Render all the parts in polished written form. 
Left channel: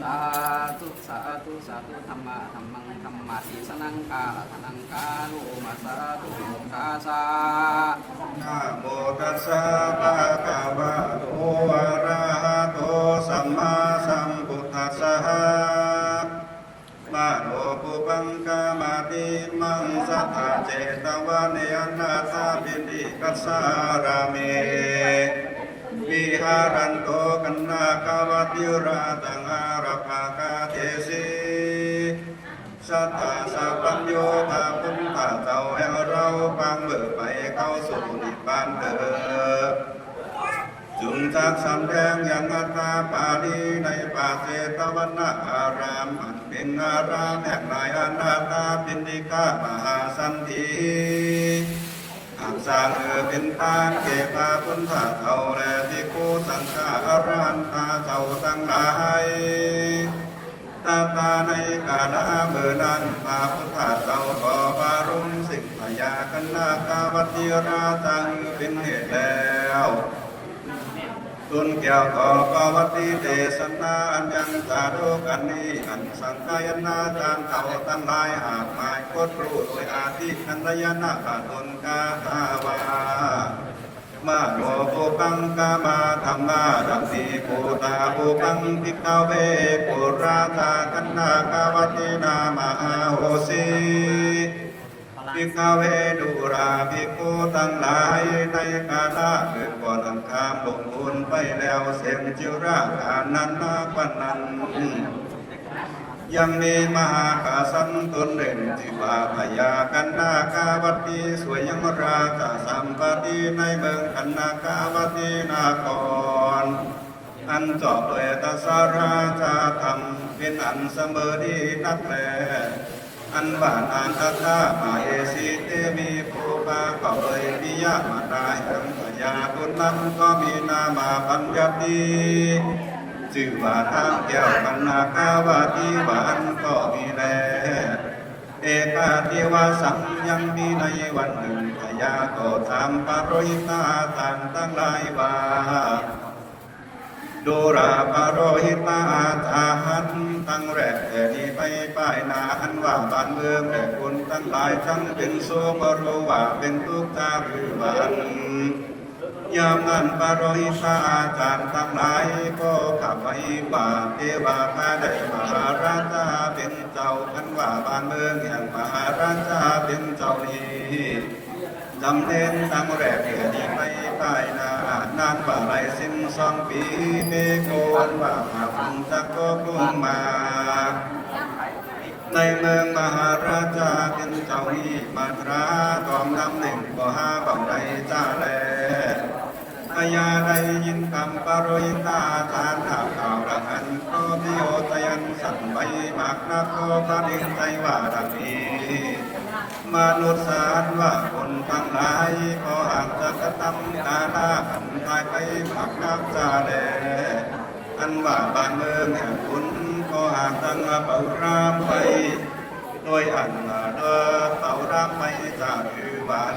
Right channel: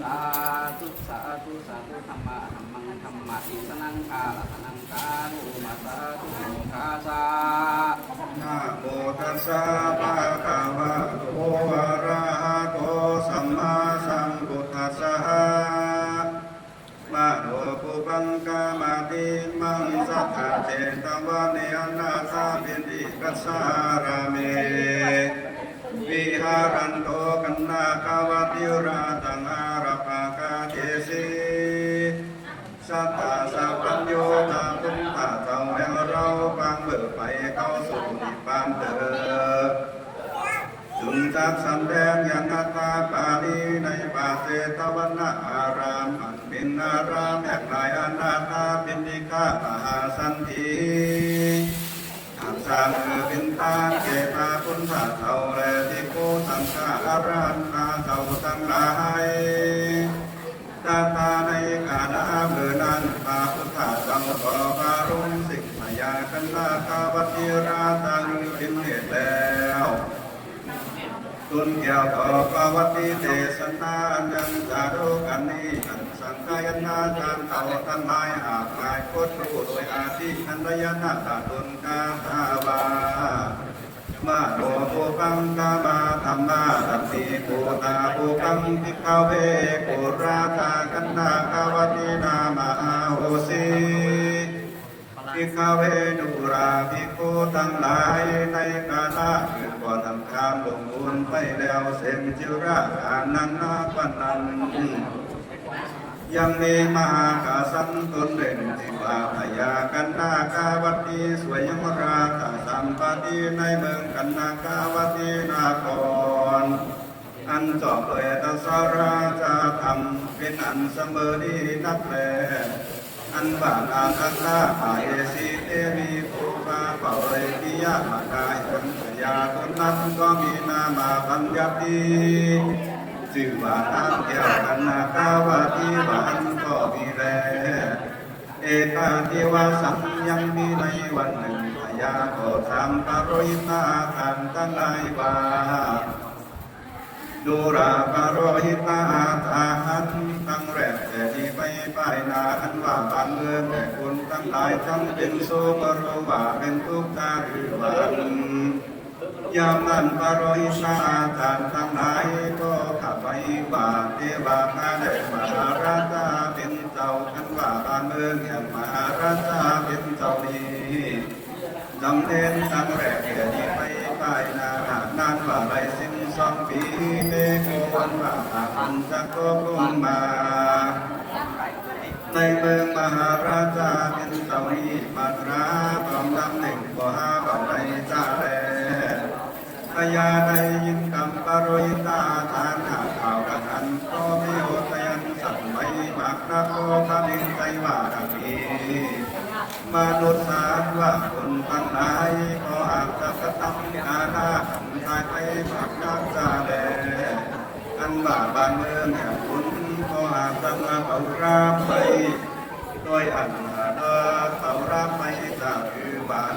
สาธุสาธุสาธุธรรมะธรรมังธรรมะอิสนังกาลนังคาโลมาสาธุโลกาสานะโมตัสสะภะคะวะโตอะระหะโตสัมมาสัมพุทธัสสะมะโนปุปังกามติมังสัทธาเจตวะเนอนาถาปิติกัสสารามิวิหารันโตกันนาคาวติราตังอาราภากาเทสีสัทธาสัพพัญโยธาพุทธะเจ้าแห่งเราฟังเบิกไปเข้าสู่นิพพานเถิดจุงจักสำแดงอย่างอัตตาปาลีในป่าเจตวันนะอารามอันเป็นอารามแห่งนายอนาถาปิณฑิกามหาสันติอาสาเป็นตาเกตาพุทธะเจ้าและภิกขุสังฆาอรหันตาเจ้าทั้งหลายตาตาในกาลเมื่อนั้นพระพุทธเจ้าก็ปารุณสิกพยากันนาคาวติราตังเป็นเหตุแล้วตุนเกี่ยวกับกวติเทศนาอันยังจารุกันนี้อันสังกายนาจารย์เขาตั้งหลายหากหลายโคตรรู้โดยอาทิอันรยนาตาตุนกาตาวามาโนโภกังกามาธรรมาดันติโกตาโภกังภิกขเวโกราตากันนาคาวตินามาโหสีภิกขเวดุราภิกขุทั้งหลายในกาลอื่นก่อนทำกามลงบุญไปแล้วเสมจิราการนันนาปันนันยังมีมหากาสันตุนเด่นทิวาพยากันนาคาวตีสวยยมราชสัมปติในเมืองกันนาคาวตีนาครอันจอบโดยตสาราชาธรรมเป็นอันเสมอดีนับแลอันบานอันตถามาเอสีเตมีภูปาเป่าเลยปิยามาได้อันพยาคนนั้นก็มีนามาปัญญาตีจึงว่าทางเกี่ยวกันนาคาวตีบานก็มีแลเอกาทิวาสังยังมีในวันหนึ่งพยาก็ทำปาริตาทันตั้งหลายบาดูราปาโรหิตาทาหันตั้งแรกแต่ที่ไปป้ายนาอันว่าบ้านเมืองแต่คนตั้งหลายทั้งเป็นโซก็รู้ว่าเป็นทุกข์ตาหรือวันยามนั้นปาโรหิตาจารย์ทั้งหลายก็ขับไปว่าเทวาแม่ได้มหาราชาเป็นเจ้าอันว่าบ้านเมืองอย่างมหาราชาเป็นเจ้านี้จำเน้นตั้งแรกแต่ที่ไปป้ายนานานว่าไรสิ้น2 ปีเมโกนว่าหันจะก็ลงมาในเมืองมหาราชาเป็นเจ้ามีมาตราตองนำหนึ่งก็หาว่าใดจ้าแลพญาได้ยินคำปาโรยิตาทานข่าวดังนั้นก็มีโอตยันสั่งไว้มากนักโตท่านเองใจว่าดังนี้มนุษย์สารว่าคนทั้งหลายก็หากจะกระทำนานาทำทายไปขับน้ำจาแลอันว่าบ้านเมืองแห่งคุณก็หากตั้งเป่ารามไปโดยอันเดินเป่ารามไปจากคือบ้าน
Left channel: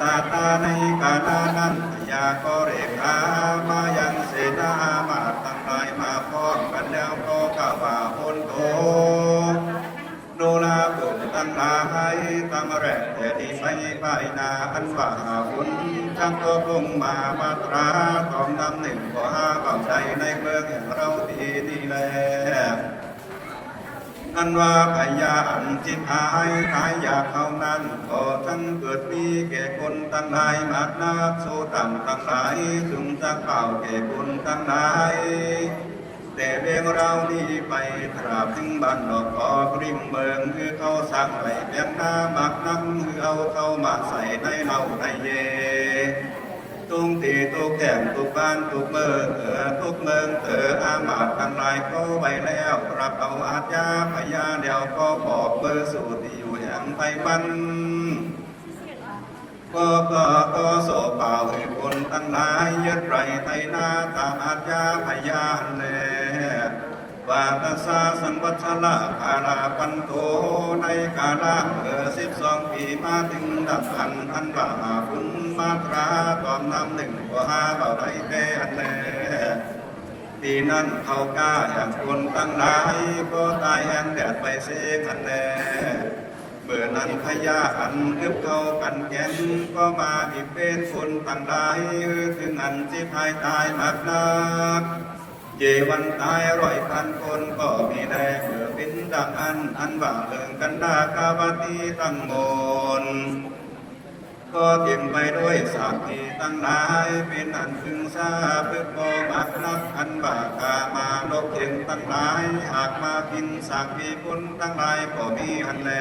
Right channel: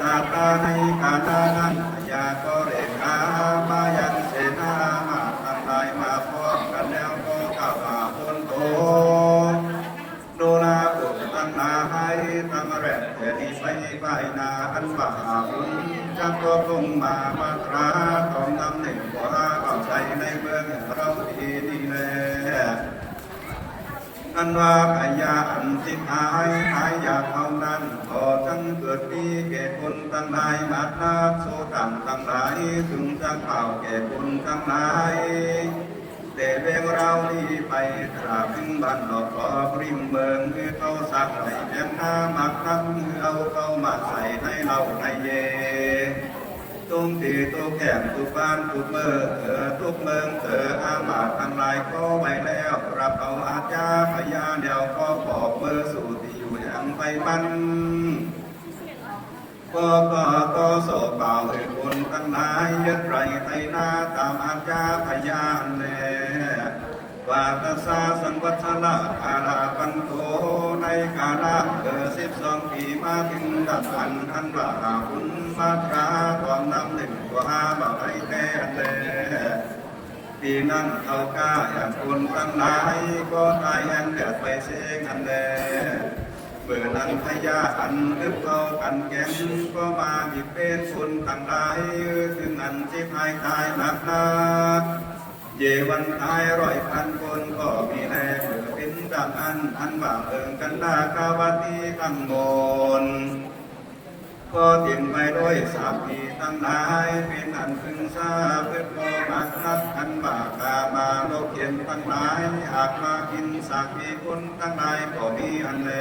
ตาตาในกาลนั้นยาก็เรขามายังเสนามาทั้งหลายมาพร้อมกันแล้วก็กล่าวว่าคนโตโนราตุตั้งหลายตั้งแรกแต่ที่ไปไปนาอันว่าคุณจังก็ลงมามาตราของนำหนึ่งก็หาเป่าใจในเมืองเราดีนี่แลอันว่าพยาอันที่หายอยากเท่านั้นก็จังเกิดมีแก่คนทั้งหลายมากนักโสตังทั้งหลายถึงจะเป่าแก่คนทั้งหลายแต่เพียงเรานี้ไปตราบถึงบ้านดอกออกริมเมืองคือเขาสักไว้เพียงหน้ามากนักคือเอาเข้ามาใส่ในเราในเยตุงตีตุกแก้มตุกบ้านตุกเมื่อทุกเมืองอามาตทั้งหลายก็ไปแล้วรับเอาอาญาพยาเดียวก็บอกเมื่อสู่ที่อยู่อย่างไปวันก็โสเปล่าให้คนทั้งหลายยึดไรไทยนาตามอาญาพยาแน่วาตัสสะสังวัชละอาลาปันโตในกาล12 ปีมาถึงดับอันทันบาคุณมาตราตอนนำหนึ่งก็หาเบาได้แท้อันแล ที่นั่นเขากล้าอย่างคนตั้งหลายก็ตายแอนเดือดไปเสียกันแลเมื่อนั้นพญาอันอึบเขากันแก่นก็มาบิดเบนคนตั้งหลายถึงอันที่ภายตายมากนักเยวันตาย100,000 คนก็มีแรงเมื่อเป็นดังอันบางเอิงกันดากาวตีตั้งมนก็เต็มไปด้วยสามีตั้งหลายเป็นอันพึงทราบเพื่อมองอักนับอันบากามาโลกเข็มตั้งหลายหากมากินสามีคุณตั้งหลายก็มีอันแล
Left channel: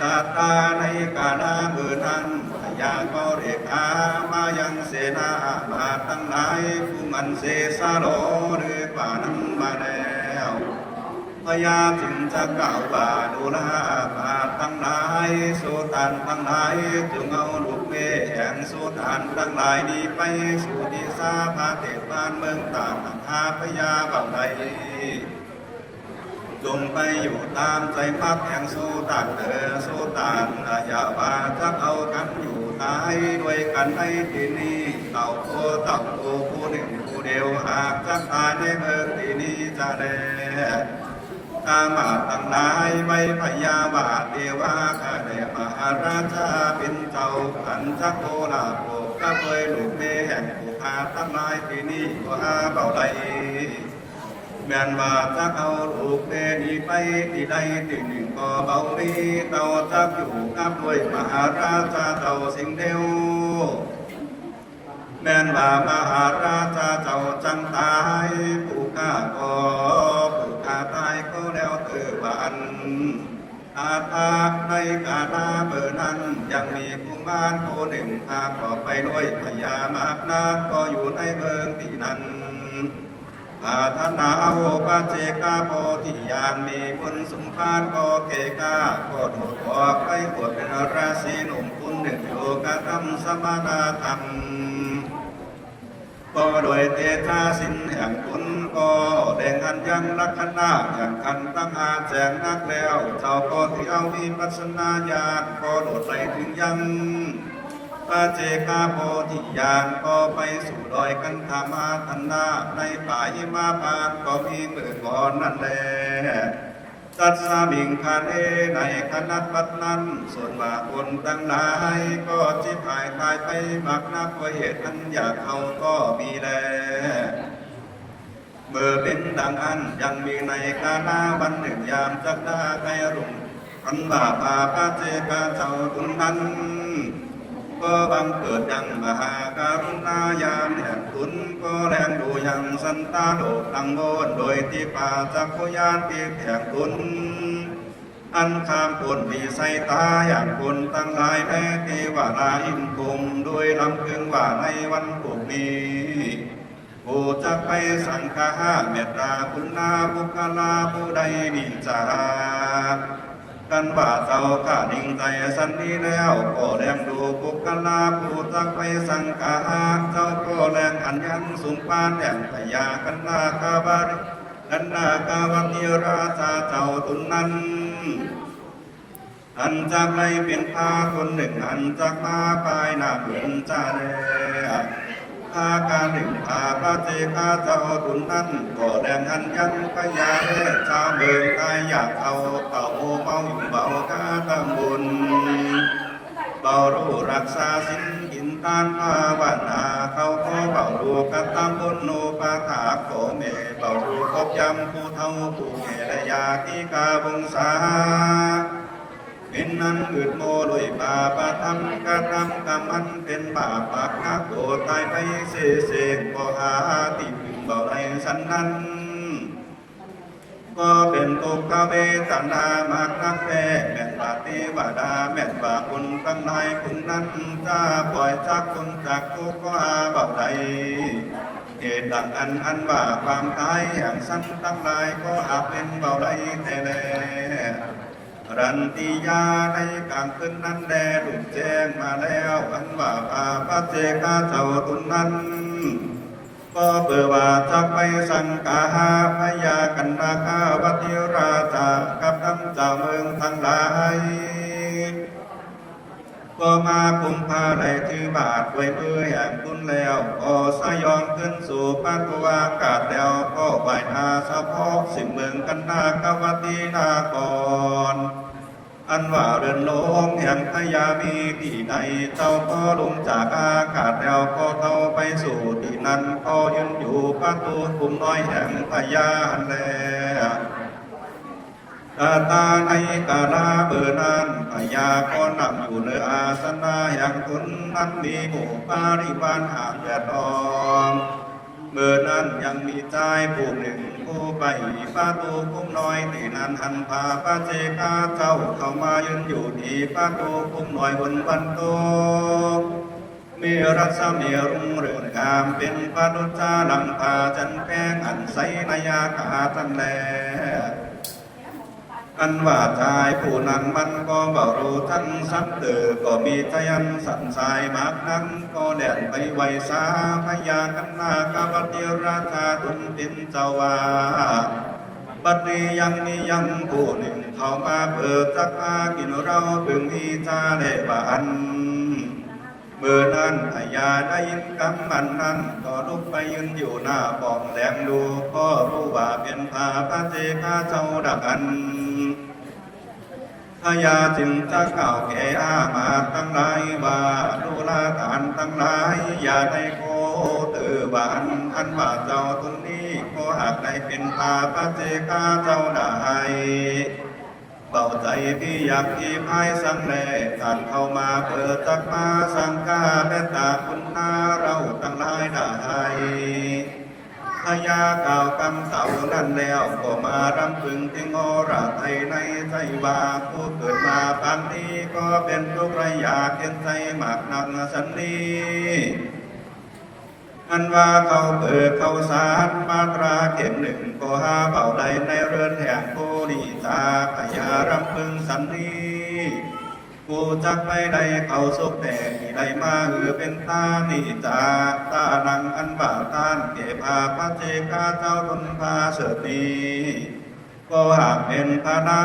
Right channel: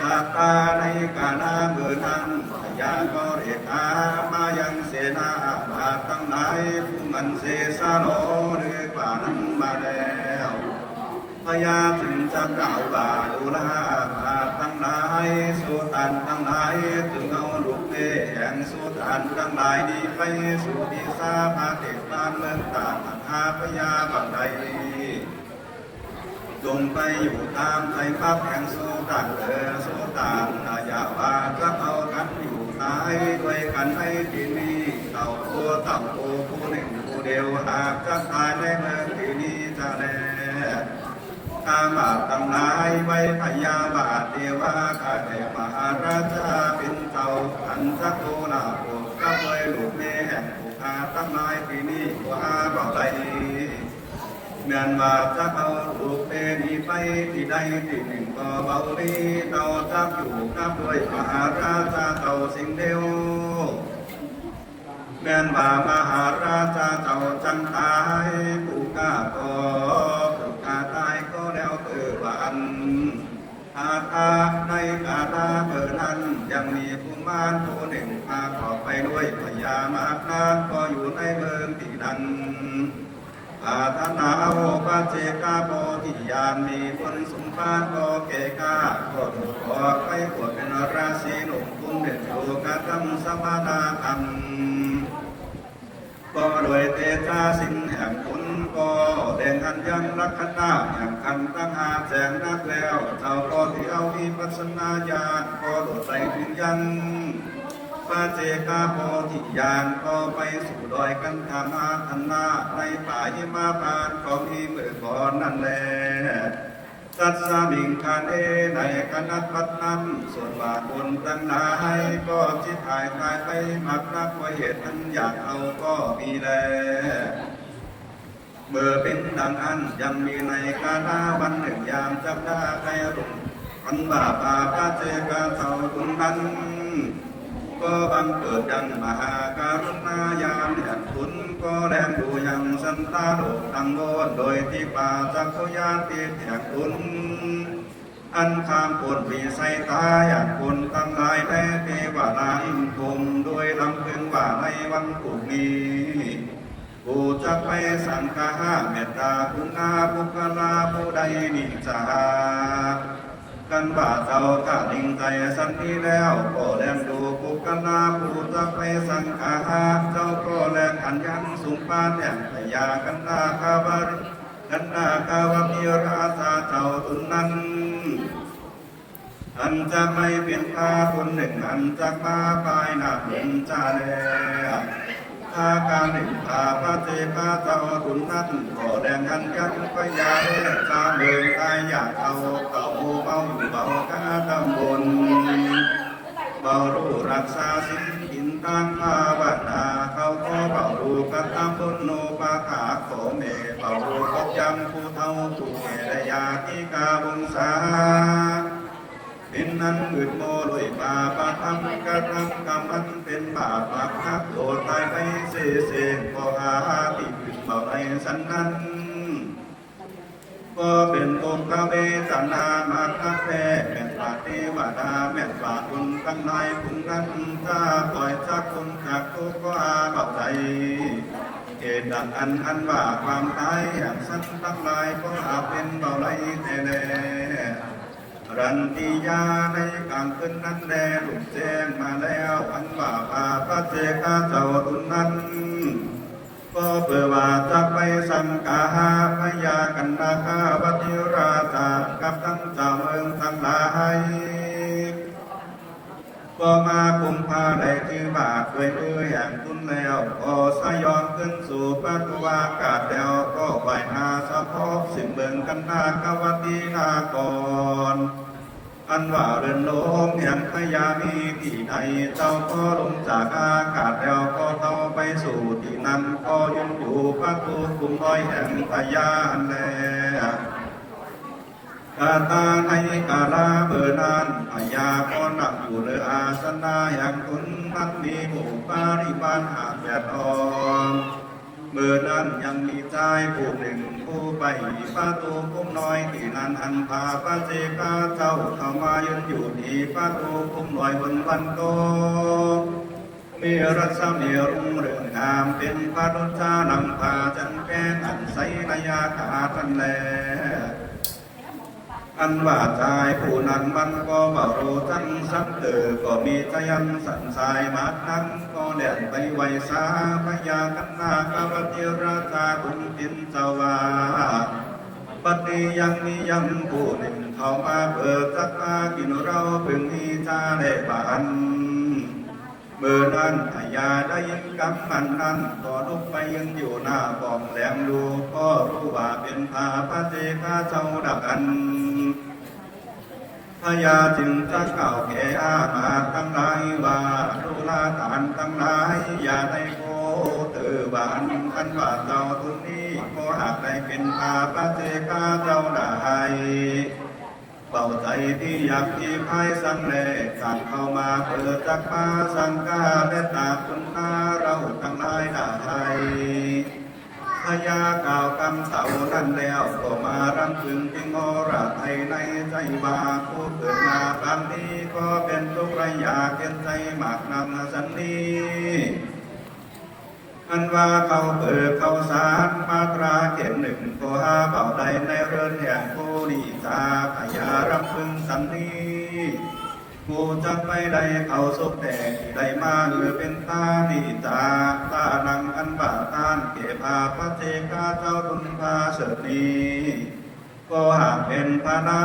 ตาตาในกาลาเมื่อนั้นยาก็เรียกอามายังเสนามาตั้งหลายผู้มันเสสาโลหรือกว่านั้นมาแล้วพญาถึงจะกล่าวว่าดูลามาตั้งหลายสุตันตั้งหลายจงเอาลูกเมฆแห่งสุตันตั้งหลายนี้ไปสู่ดิสาพาเทศบ้านเมืองต่างหาพญาบังใดจงไปอยู่ตามใจพักแห่งสุตันสุตันอย่าว่าจะเอากันอยู่หายด้วยกันในที่นี้เต่าโตผู้หนึ่งผู้เดียวหากจะตายในเมืองที่นี้จะแลอามาตั้งนายไว้พยาบาทเทวาข้าแต่มหาราชาเป็นเจ้าขันทโกลาโภก็ด้วยลูกเมแห่งผู้อาตั้งนายที่นี่ก็อาเบาใดแม่นว่าถ้าเอาลูกเมนี้ไปที่ใดที่หนึ่งก็เบาลีเต่าจับอยู่กับด้วยมหาราชาเต่าสิงเดียวแม่นว่ามหาราชาเจ้าจังตายผู้ข้าก็ตายก็แล้วเตือนอาตาในกาดาเบอร์นั้นยังมีกุมารผู้หนึ่งพาขอไปด้วยพญามากนาก็อยู่ในเมืองที่นั้นอาธนาโอปาเจกาโพธิญาณมีคนสมภารก็เกกาก็ถูกออกไปบวชเป็นราศีหนุ่มคุณหนึ่งโยกธรรมสมานาธรรมก็โดยเตชะสินแห่งคุณก็แดงกันยังลักขณะอย่างกันตั้งอาแจงนักแล้วเจ้าก็ที่เอาวิปัสสนาญาณก็โดดไปถึงยังพระเจกาโพธิญาณก็ไปสู่ดอยกันธามาธนาในป่าหิมาปานก็มีเมื่อก่อนนั่นแหละตัดสามิงคานในคณะปัตนั้นส่วนบาคนตั้งหลายก็จิตหายตายไปมักนักว่าเหตุนั้นอยากเอาก็มีแลเมื่อเป็นดังอันยังมีในคานาวันหนึ่งยามจับได้ไปรุ่งอันบาปาพระเจกาเจ้าตุนนั้นก็บังเกิดยังมหาการุณาญาณแห่งคุณก็แรงดูยังสันตาโลกตั้งโวนโดยที่ป่าจักโคยานตีแห่งคุณอันข้ามคนวิสัยตาอย่างคนตั้งหลายแท้เทวดาอินคมโดยลำพึงว่าในวันพรุ่งนี้ผู้จะไปสังฆาเมตตาคุณนาบุคลาผู้ใดนิจากันว่าเจ้าข้านิ่งใจสันนี้แล้วก็แลมดูบุคลาผู้จะไปสังฆาเจ้าก็แลมอันยันสุนปานแห่งพยากันนากาบาริกันนากาวติราชาเจ้าตุนนั้นอันจากไม่เป็นพาคนหนึ่งอันจากมาปลายหน้าเหมือนจ่าแลอาการหนึ่งพาพระเจกาเจ้าตุนนั้นก็แดงอันยังพยาเจ้าเดินกายอยากเอาเต่าเบาเบากาตำบลเบารู้รักษาสินหินตานมาบ้านนาเขาก็เบารู้กันตามบนโนปาขาโขเมเบารู้คบยำผู้เท่าผู้แก่และยาที่กาบงสาเป็นนั้นอึดโมโดยบาปทำกระทำกรรมันเป็นบาปนักโกรธตายไปเสเสกก็อาติพึงเบาในสันนั้นก็เป็นตุกขเวทนามากนักแท้แม่บาเทวดาแม่บาคุณตั้งนายคุณนั้นจะปล่อยจากคุณจากทุกข์ก็อาบับใดเหตุดังอันว่าความตายอย่างสั้นตั้งหลายก็อาจเป็นเบาไรแต่แลรันติยาในกลางคืนนั้นแดดลุกแจ้งมาแล้วอันว่าพระเจกาเจ้าตุนนั้นก็เพื่อว่าจะไปสังฆาพยากันนาคาวัติราชากับคำเจ้าเมืองทั้งหลายก็มาคุมพาได้ถือบาทไว้เพื่ออย่างคุณแล้วก็สยอนขึ้นสู่ปัตวากา แล้วก็ไหวอาสะพอกสิ่งเมืองกันนากวตีนากรอันว่าเรือนโลงเหียนพยามีที่ใดเจ้าก็ลงจากอากาศแล้วก็เท่าไปสู่ที่นั้นก็ยังอยู่ประตูคุมน้อยแห่งพยาหันแลตาในกาลาเบื่อนั้นพยาก็นำผู้เลออาสนะอย่างคุณนั้นมีหมู่ปาริบาลหาแดดอมเมื่อนั้นยังมีใจผู้หนึ่งผู้ไปประตูคุ้มน้อยที่นั้นหันพาพระเจกาเจ้าเข้ามายืนอยู่ที่ประตูคุ้มน้อยบนบันโตมีรัศมีรุ่งเรืองงามเป็นพระดุจานังพาจันแป้งอันใสนายาคาตันแลอันว่าใจผู้นั้นมันก็ว่ารู้ทั้งสัมเตอก็มีใจยันสันสายมากนั้นก็แดดไปไวสาขยากันนากาวติราชาตุนตินเจ้าวาปัจจุยังนิยังผู้หนึ่งเข้ามาเปิดจักอากินเราพึงมีจาเดบานเมื่อนั้นอายาได้ยินคำมันนั้นก็ลุกไปยืนอยู่หน้าป้อมแหลมดูก็รู้ว่าเป็นพาพระเจกาเจ้าดักอันพยาจึงจะกล่าวแก่อามาตทั้งหลายว่าดูลาฐานทั้งหลายอย่าได้โกเตือบานอันว่าเจ้าตรงนี้ก็หากได้เป็นพาพระเจกาเจ้าได้เป่าใจที่อยากที่พายสังแลการเข้ามาเปิดจักมาสังกาเมตตาคุณอาเราทั้งหลายได้พยากล่าวคำเต่านั้นแล้วก็มารำพึงที่งอระไทยในใจว่าผู้เกิดมาปางนี้ก็เป็นทุกข์ไรอยากเห็นใจหมากนำสันนีอันว่าเขาเปิดเขาสารมาตราเข็มหนึ่งก็หาเป่าใดในเรือนแห่งผู้ดีตาพยารำพึงสันนีกูจักไม่ได้เขาสุขแต่ได้มาเป็นตาดีตาตานังอันบาทานเก็บพาพระเจกาเจ้าคุณพาเสดีก็หากเป็นพระนา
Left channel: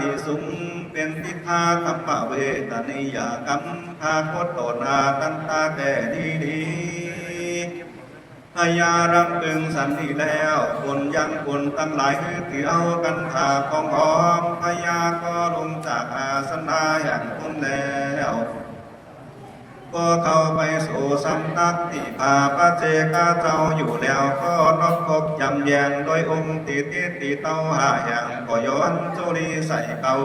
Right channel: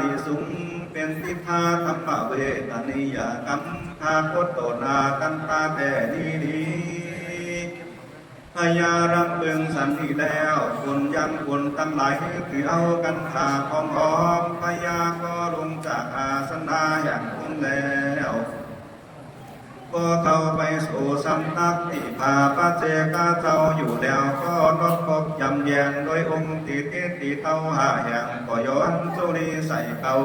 ดีสุงเป็นทิพาธรรมเวทนิยกรรมพาโคตโตนาตันตาแผ่ดีพยารำพึงสันติแล้วคนยังคนตั้งหลายคือเอากันตาของอ้อมพยาก็ลงจากอาสนะอย่างคนแล้วก็เข้าไปสู่สันตักที่พาพระเจกาเจ้าอยู่แล้วก็นกพบยำแยงโดยองค์ตีเต้าหาอย่างก็ย้อนจุลีใส่เต้า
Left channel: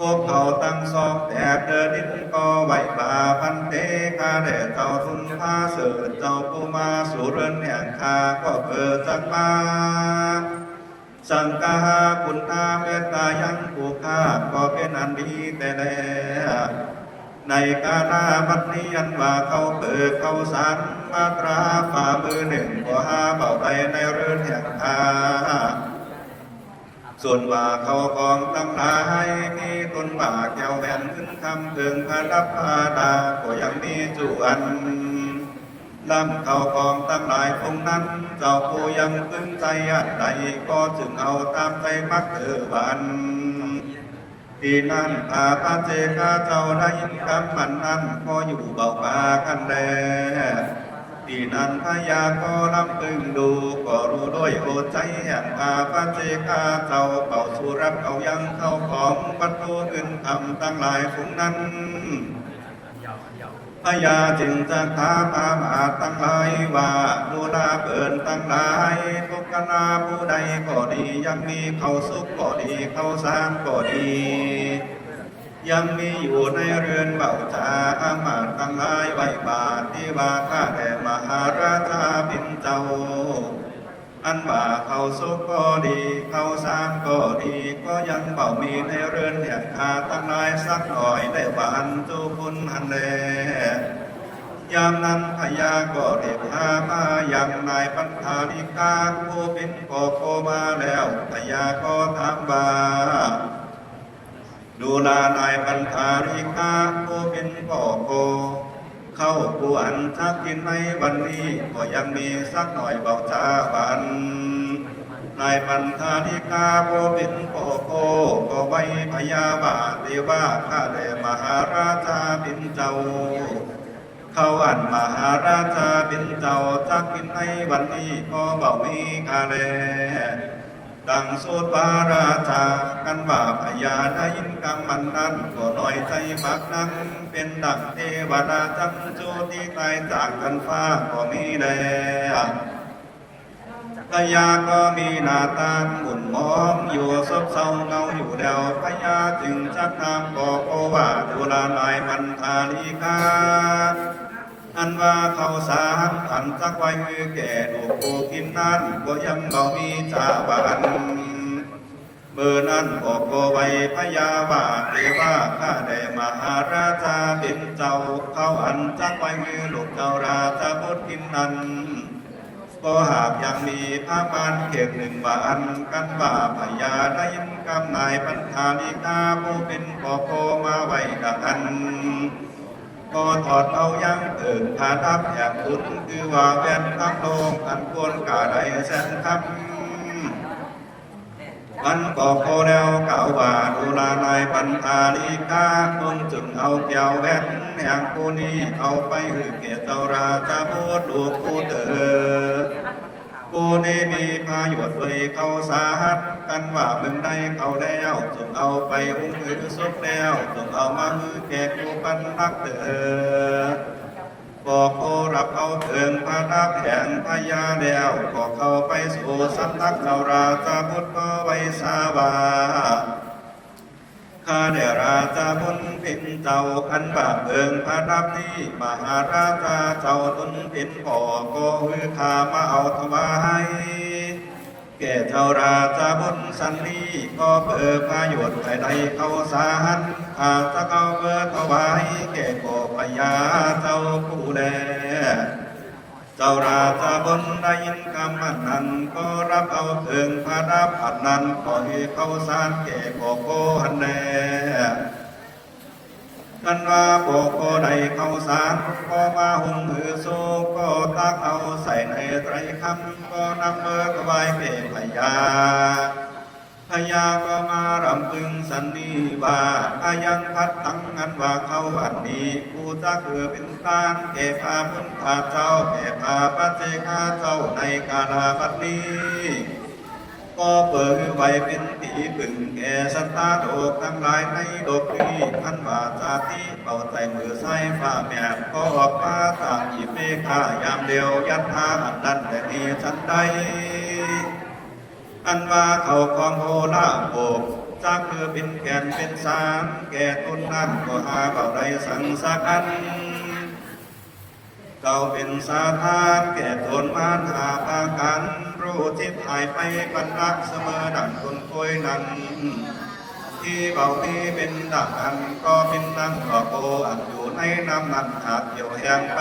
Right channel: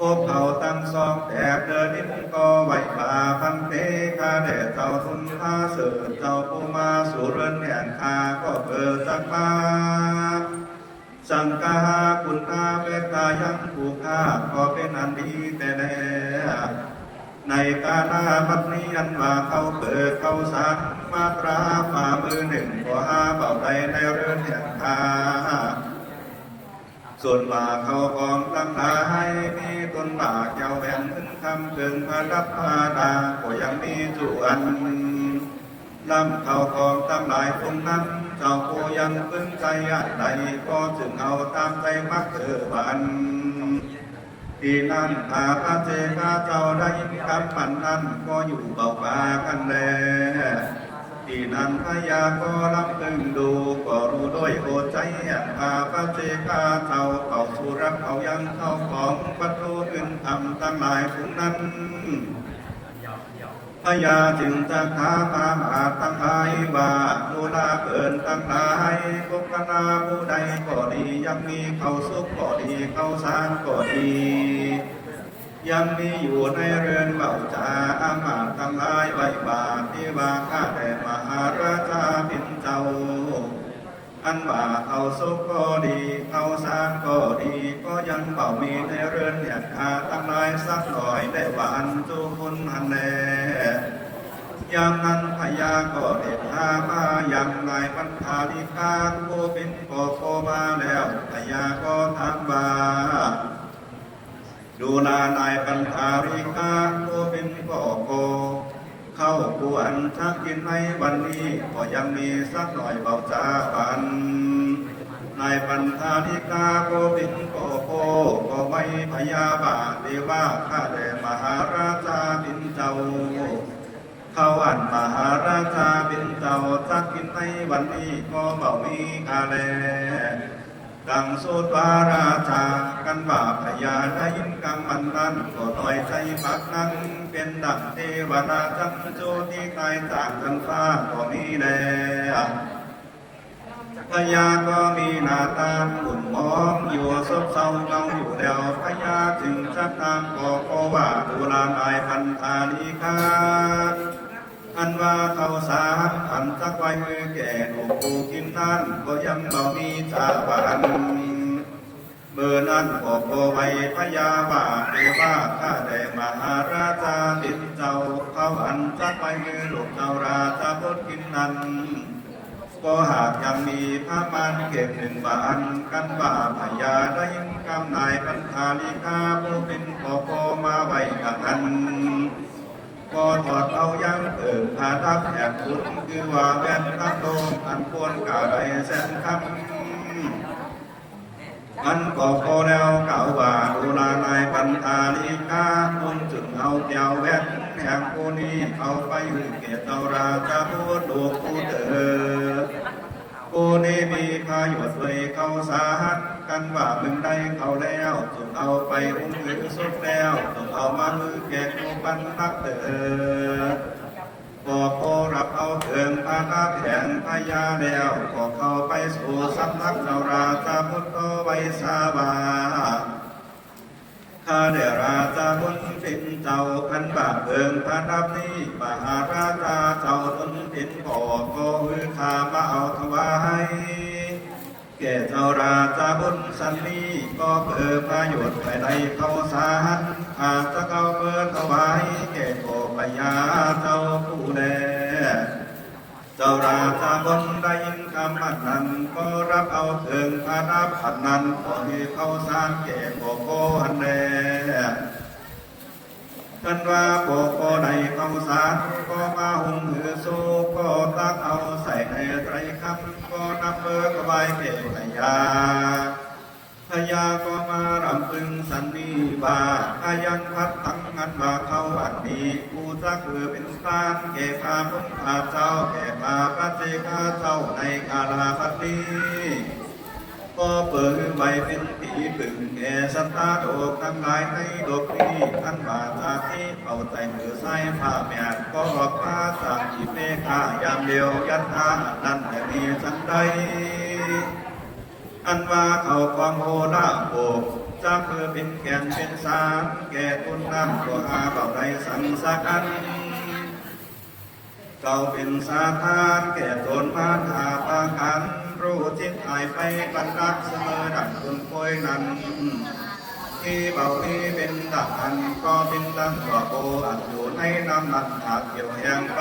พวกเขาตั้งซอกแอบเดินนินก็ไหวปลาพันเตกาเดเจ้าทุนพาเสือเจ้าปูมาสู่เรือนแห่งคาก็เปิดจักมาสังกาคุณอาเวตายังผู้ข้าก็เป็นอันดีแต่แล้วในกาลาบัดนี้อันว่าเขาเกิดเขาสามมาตราฝ่ามือหนึ่งก็หาเป่าใดในเรือนแห่งคาส่วนว่าเขาของตั้งหลายมีต้นบาเกี่ยวแบ่งขึ้นคำเกิงพระรับพาดาก็ยังมีจุอันลำเขาของตั้งหลายคนนั้นเจ้าผู้ยังขึ้นใจอันใดก็จึงเอาตามใจพักเกิดวันที่นั่นตาพระเจกาเจ้าได้ยินคำมันนั้นก็อยู่เบาป่ากันแลที่นั้นพยาก็รับพึงดูก็รู้ด้วยโอใจว่าพระเจกาเจ้าเป่าสุรับเอายังเข้าของวัตถุอื่นทำตั้งหลายทุกนั้นพยาจึงจะถามอามาตั้งหลายว่าดูลาเกินตั้งหลายทุกขณะผู้ใดก็ดียังมีเขาสุขก็ดีเขาสารก็ดียังมีอยู่ในเรือนเก่าจาอามาตทั้งหลายไว้บาทที่ว่าข้าแต่มหาราชาพิมเจ้าอันว่าเขาสุขก็ดีเขาสารก็ดีก็ยังเป่ามีในเรือนแห่งข้าตั้งหลายสักหน่อยได้หวานจูบุญหันแลยามนั้นพญาก็เด็ดหามาอย่างนายปัญหาลิกาผู้เป็นโกมาแล้วพญาก็ถามว่าดูลานายปัญหาลิกาผู้เป็นโกเข้าควรชักกินในวันนี้ก็ยังมีสักหน่อยบอกจาบันนายปัญหาลิกาผู้เป็นโกก็ไม่พยาบาทที่ว่าข้าแต่มหาราชาเป็นเจ้า เขาอันมหาราชาเป็นเจ้าจักกินในวันนี้ก็บ่มีกาแลดังสุดวาราชากันว่าพญาได้ยินกำมันนั้นก็ลอยใจพักนั้นเป็นดังเทวดาจำโจที่ตายจากกันฟ้าก็มีแลพญาก็มีหน้าตาหุ่นมองอยู่ซบเศร้าเงาอยู่แล้วพญาจึงชักนามบอกว่าตุลานายพันธาลีกาอันว่าเขาสามขันสักไว้แก่โตกินนั้นก็ยังบ่มีจาบันเมื่อนั้นบอกไว้พญาบาเรียว่าข้าได้มหาราชาเป็นเจ้าเขาอันสักไว้ลูกเจ้าราชาบดกินนั้นก็หากยังมีพระบานเก็บหนึ่งบานกันว่าพญาได้ยินกำนายพันธาลิกาผู้เป็นพ่อโคมาไว้กันก็ถอดเอายังพาทับแอบคุณคือว่าแว่นข้างโลงอันควรกาได้แสนคำมันก็พอแล้วกล่าวว่าตุลานายพันธาลิกาคุณจึงเอาแก้วแว่นแห่งผู้นี้เอาไปเกียรติราชาพูดลูกผู้เถิดผู้นี้มีพายุเลยเขาสาหัสกันว่ามึงได้เขาแล้วจงเอาไปอุ้มมือสุดแล้วจงเอามามือแก่ผู้ปันพักเถิดบอกโอรับเอาเถิงพาดับแห่งพญาแล้วก็เข้าไปสู่สำนักเจ้าราชาพุทธก็ไว้สาบาข้าเดราชาบุญปินเจ้าขันบาเบิงพระดับนี้มหาราชาเจ้าบุญปินพ่อก็มือข้ามาเอาถวายแก่เจ้าราชาบุญสันนีก็เปิดประโยชน์ใดเขาสารอาจจะเขาเปิดถวายแก่โกปยาเจ้าผู้แลเจ้าราชาบุญได้ยินคำอันนั้นก็รับเอาเถิงพระดับอันนั้นขอให้เขาสารแก่โกโกอันแลท่านว่าโกโกใดเขาสารก็มาหุงมือสู้ก็ตักเอาใส่ในไตรคำก็นำเบิกไว้แก่พญาพญาก็มารำพึงสันนิบาตอายังพัดทั้งนั้นว่าเขาอันนี้ผู้จะคือเป็นตานแก่พาพุทธาเจ้าแก่พาพระเจกาเจ้าในกาลาปัตนี้ก็เปิดไว้เป็นผีปึ่งแก่สัตตาโดกทั้งหลายในโลกนี้ท่านว่าตาที่เอาใจมือใส่ฝ่าแม่ก็บอกพาตาจิเมฆายามเดียวยันทาอันนั้นแต่มีฉันใดอันว่าเขาของโหราโบกจะคือเป็นแก่นเป็นสารแก่ตุนน้ำก็หาเขาได้สังสักอันเก่าเป็นสาธานแก่ตนมานหาปากันรู้จิตหายไปกันรักเสมอดังคนคอยนั้นที่บอกนี้เป็นดังอันก็เป็นดังกว่าโกอันอยู่ในน้ำนันหากเกี่ยวแหงไป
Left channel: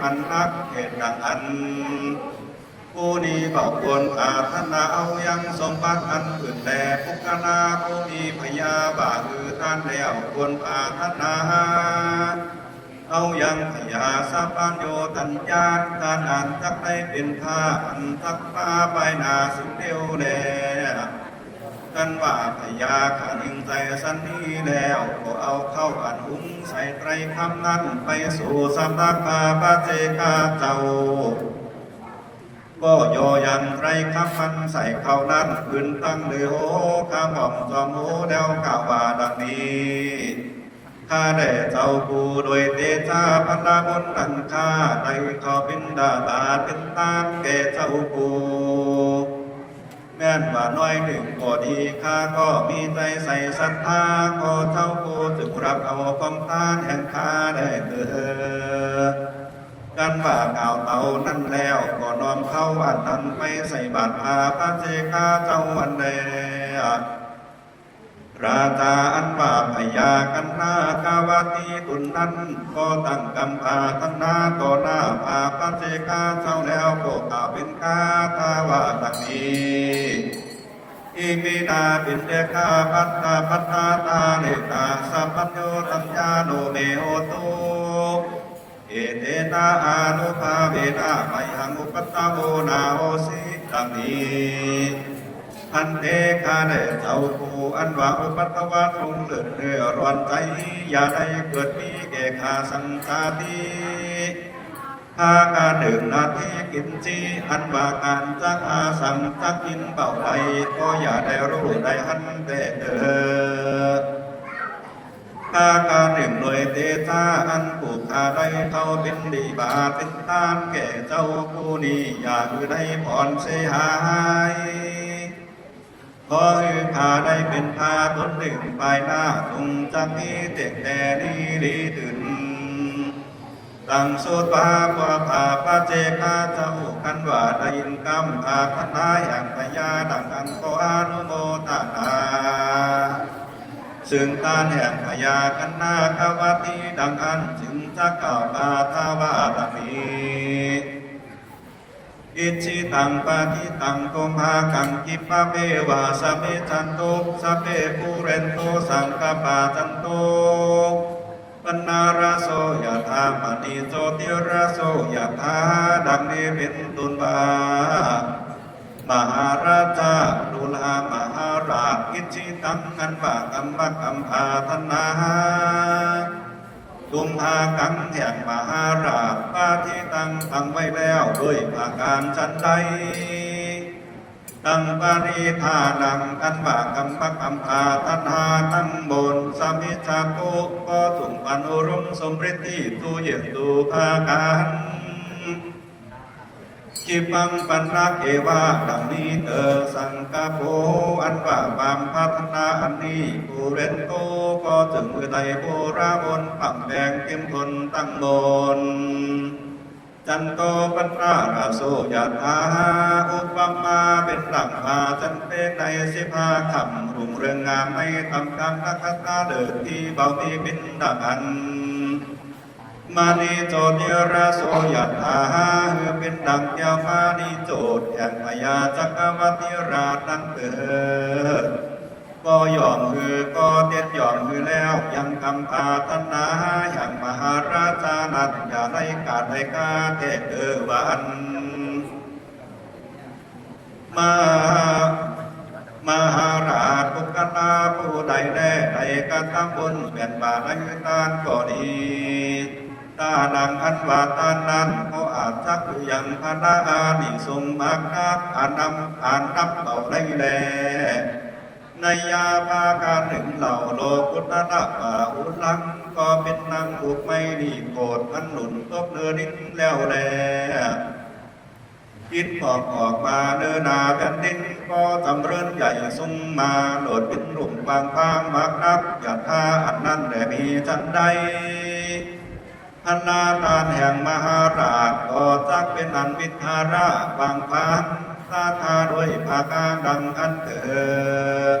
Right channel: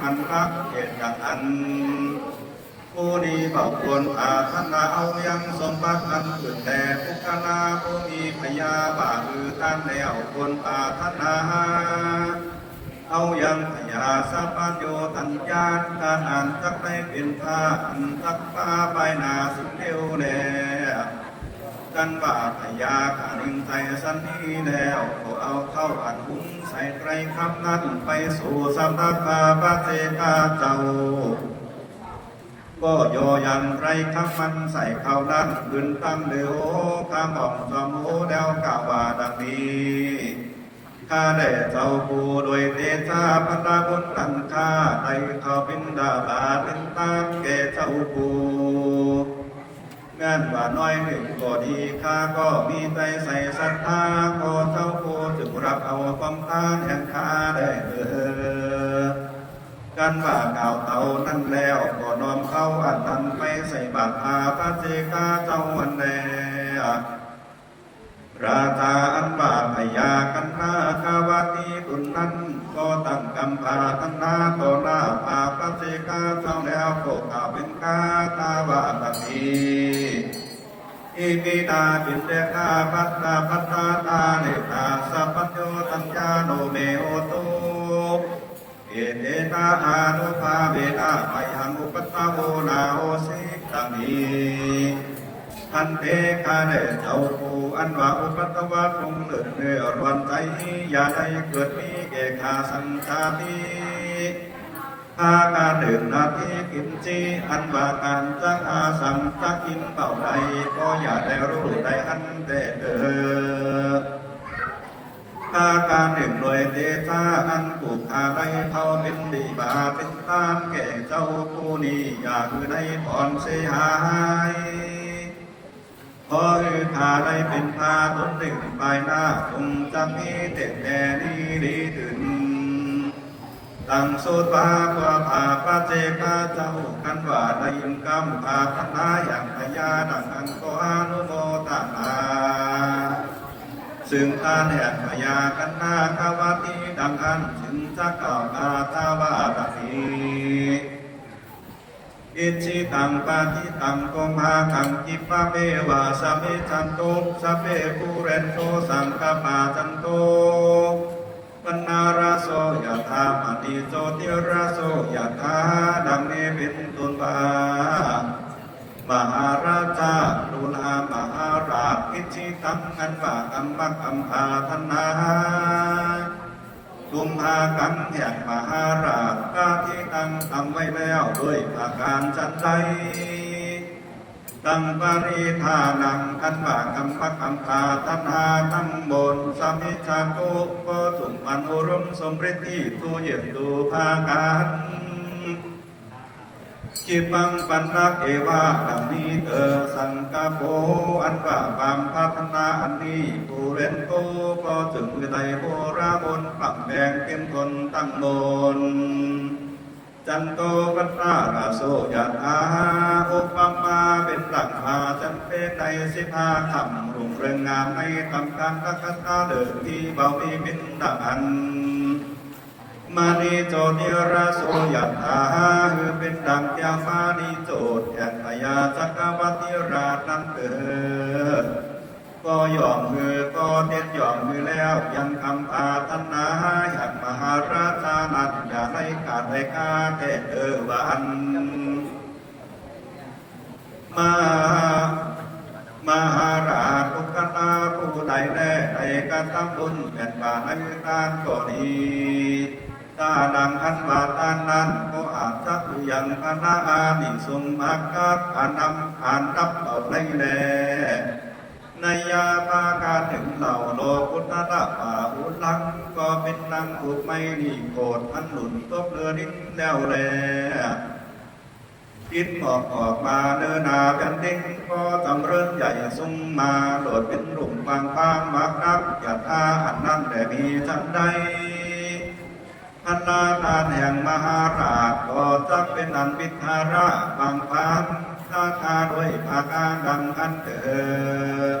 พันรักเหตุดังอันผู้นี้บอกควรอาธนาเอายังสมบัติอันขึ้นแต่พุกนาผู้มีพยาบาทือท่านแล้วควรอาธนาเอายังพยาสัพพัญโยตัญญาทานอันทักได้เป็นข้าอันทักป้าใบนาสิเดียวแน่ท่านว่าพยาขานิงใจสันนี้แล้วก็เอาเข้าอันหุ้งใส่ไตรคำนั้นไปสู่สำนักมาพระเจกาเจ้าก็โยยันไรคำมันใส่เข้านั้นขึ้นตั้งเลยโหข้าหม่อมจอมโหดาวกล่าวว่าดังนี้ข้าได้เจ้าผู้โดยเตชะพันธะบุญตันข้าได้เขาเป็นดาราเป็นตาแก่เจ้าผู้แม้นว่าน้อยหนึ่งก็ดีข้าก็มีใจใส่ศรัทธาก็เจ้าผู้จึงรับเอาความทานแห่งข้าได้กันว่ากล่าวเอานั่นแล้วก็น้อมเข้าอันนั้นไปใส่บาตรพาพระเจกาเจ้าวันใดราชาอันว่าพยากันนาคาวาตีตุนนั้นก็ตั้งกำพาทันนาก็หน้าพาพระเจกาเจ้าแล้วก็กล่าวเป็นกาตาว่าดังนี้อิมินาปินเดกาพัตตาพัตตาตาเนตาสัพพัญโยตัญญาโนเมโอตุเอเตตาอานุภาเวนะไมหังอุปตตาโวนาโอสิตังนี้อันเทกาได้เจ้าผู้อันว่าอุปตวะทรงเลือดเนื้อร้อนใจอย่าได้เกิดมีแก่ข้าสังฆาติ พาการดื่มนาทีกินจีอันบาการจักอาสัมจักกินเป่าใดก็อย่าได้รู้ได้อันแต่เดิมอาการหนึ่งหน่วยเตชะอันผูกขาได้เขาเป็นดีบาเป็นทานแก่เจ้าผู้นี้อยากได้ผ่อนเสียหายขอให้ข้าได้เป็นข้าตนหนึ่งภายหน้าคงจะมีเด็กแต่นี้ดีถึงตั้งสุปากว่าข้าพระเจกาเจ้าคันว่าได้ยินคำข้าพนาอย่างพยาดังอันก็อนุโมทนาซึ่งการแห่งพยากันนาคาวาตีดังอันจึงจะกล่าวคาถาวาบามีอิจิตังปาทิตังกงหากังกิปะเปวาสเมจันโตสัพเพปุเรนโตสังกปาจันโตปนาราโสยถาปฏิโสติราโสยถาดังนี้เป็นตุนบามหาราชาดุลามหาราชอิจิตังอันว่ากัมมะกัมภาธนาตุมหากังแห่งมหาราชปาทิตังตั้งไว้แล้วด้วยอาการจันใดตั้งปาริธานังอันว่ากัมมะกัมภาธนาตั้งบนสมิจาตุก็จุงอนุรมสมฤทธิตุเยตุทาการจิปังปัญญาเอวะดังนี้เตอสังกาโภอันว่าความพัฒนาอันนี้ผู้เรียนโตก็จึงไดโบราบนปักแบ่งเป็นตนตั้งโนนจันโตปัญญาราโสยถาอุปมาเป็นหลักพาจันเป็นใน15 คำรุ่งเรืองงามไม่ทำการรักษาเดินที่เบาที่เป็นดังอันมานีโจติราโสยถาเป็นดังเจ้ามานีโจทย์แห่งพญาจักรวรรดิราชนั้นเกิดก็ยอมมือก็เด็ดยอมมือแล้วยังคำปาธนาอย่างมหาราชานัดอย่าได้ขาดได้กาเทศเอวันมหาราชปุกตาผู้ใดแน่ใดกระทำบุญแผ่นบาในตานก็ดีตาดังอันว่าตานนั้นก็อาจจักอยู่ยังพระอานิสงส์มากนักอ่านรับเอาได้แลในยาปาการหนึ่งเหล่าโลกุตระป่าอุลังก็เป็นนางอุดไม่ดีโกรธอันหนุนตบเนื้อดิ้นแล้วแลคิดออกมาเดินหน้าแผ่นดินก็จำเริญใหญ่สุ่มมาโดดเป็นหลุมฟางมากนักอย่าท่าอันนั้นแต่มีจันใดพันนาตาแห่งมหาราชก็จักเป็นอันวิทาระบางพันตาทาด้วยภาการดังอันเถิด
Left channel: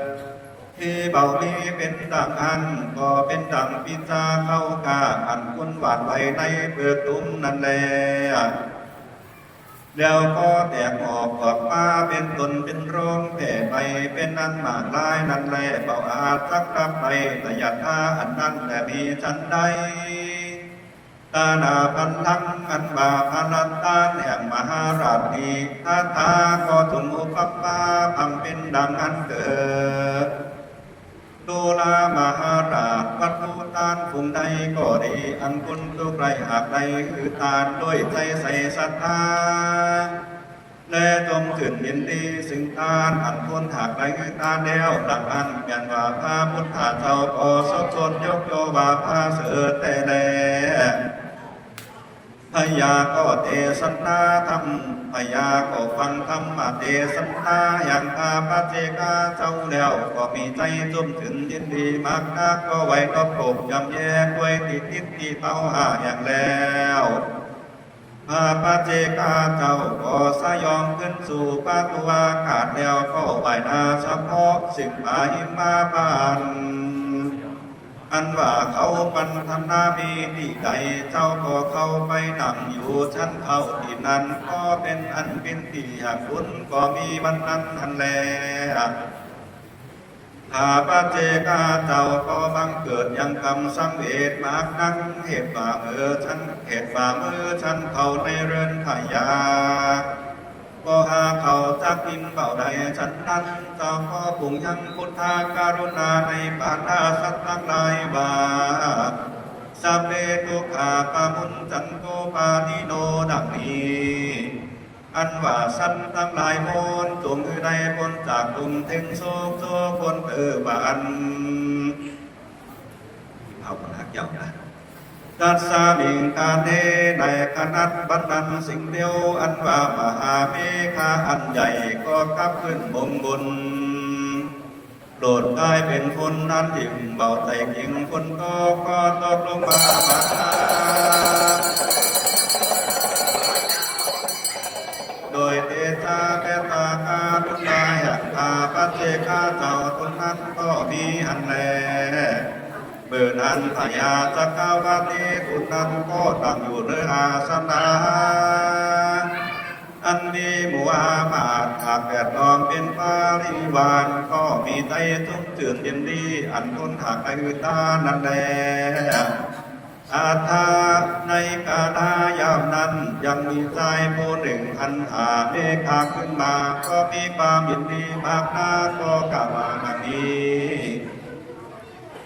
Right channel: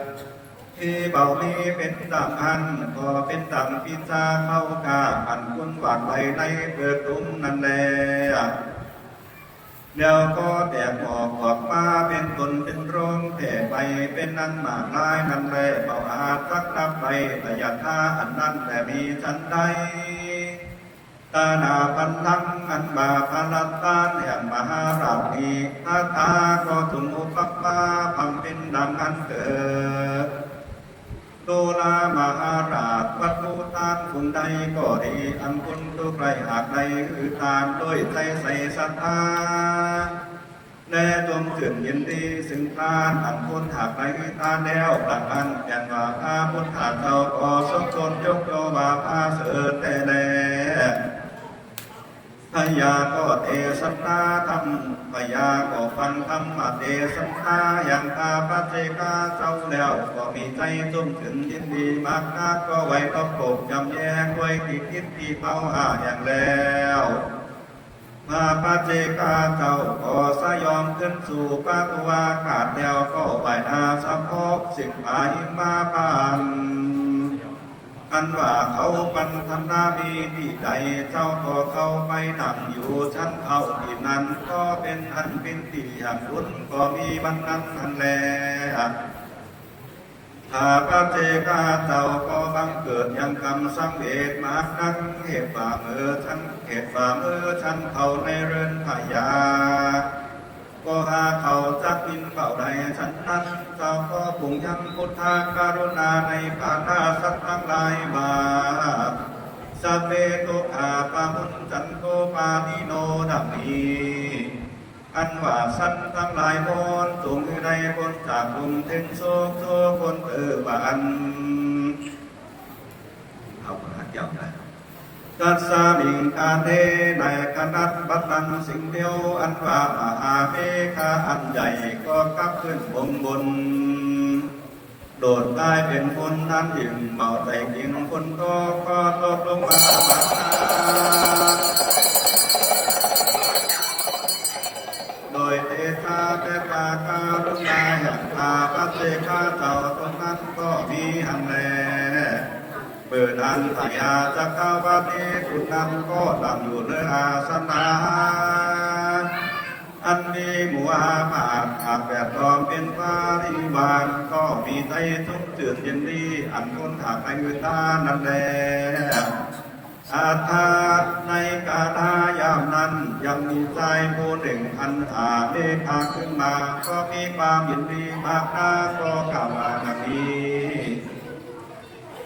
ที่เบานี้เป็นดังอันก็เป็นดังพิจาเข้ากาอันคุณหวานไว้ในเปิดตุ้มนั่นแหละเดี๋ยวก็แตกออกมาเป็นตนเป็นโรงแผ่ไปเป็นนั้นหมากลายนั่นแหละเบาอาจรักรับไปแต่อยากท่าอันนั้นแต่มีจันใดตานาพันลังอันบาพลัตตาแห่งมหาราชนีท่าทาก็ถึงอุปปาพังเป็นดังอันเกิดตุลามหาราชวัดภูตานภูมิใดก็ดีอันคุณทุกไรหากใดคือทานด้วยใจใส่ศรัทธาและจงขึ้นยินดีสิ่งทานอันคุณหากใดคือทานแล้วหลักอันเปลี่ยนว่าพระพุทธเจ้าก็สมชนยกโยว่าพระเสด็จแต่แลพยาก็เทศนาธรรมพยาก็ฟังธรรมเทศนาอย่างพาพระเจกาเจ้าแล้วก็มีใจจุ่มถึงยินดีมากนักก็ไว้ก็กบจำแยกไว้ที่ทิศที่เป้าหาอย่างแล้วพาพระเจกาเจ้าก็สยองขึ้นสู่ปาตุวาขาดแล้วก็ไหวนาเฉพาะสิ่งอาหิมาปานอันว่าเขาปันธนามีที่ใดเจ้าก็เข้าไปนั่งอยู่ชั้นเขาที่นั้นก็เป็นอันเป็นที่อยากบุญก็มีวันนั้นนั่นแหละข้าพระเจกาเจ้าก็บังเกิดยังกรรมสังเวชมากนักเหตุฝ่ามือฉันเขาในเรือนพยาก็หาเขาจะกินเบาใดฉันนั้นเจ้าก็ปุ่งยังพุทธาการุณาในปานาสัตว์ทั้งหลายว่า สัพเพทุกขาปะมุนจันโกปาทิโนดังนี้อันว่าสันทั้งหลายมนจงอยู่ในพ้นจากกลุ่มถึงโศกโศกคนบันเอาหาเกี่ยวนะตัสสะมิงกาเทในคณัตบัตตังสิ่งเดียวอันว่ามหาเมฆาอันใหญ่ก็กลับขึ้นบนโดดกลายเป็นคนนั้นยิ่งเบาใจยิ่งคนก็ตกลงมาโดยเตชะเปตาคารุณาหักคาปัจเจกาเจ้าคนนั้นก็มีอันแลเปิดอันขยาจักรวรรดิทุกนั้นก็ตั้งอยู่ในอาสนะอันมีหมู่อามาตย์หากแปดล้อมเป็นปริวารก็มีใจทุกเจือมยินดีอันทนหากไอตานั่นแลอาทาในกาลายามนั้นยังมีใจผู้หนึ่งอันหาเมฆาขึ้นมาก็มีความยินดีมากนาก็กล่าวมาดังนี้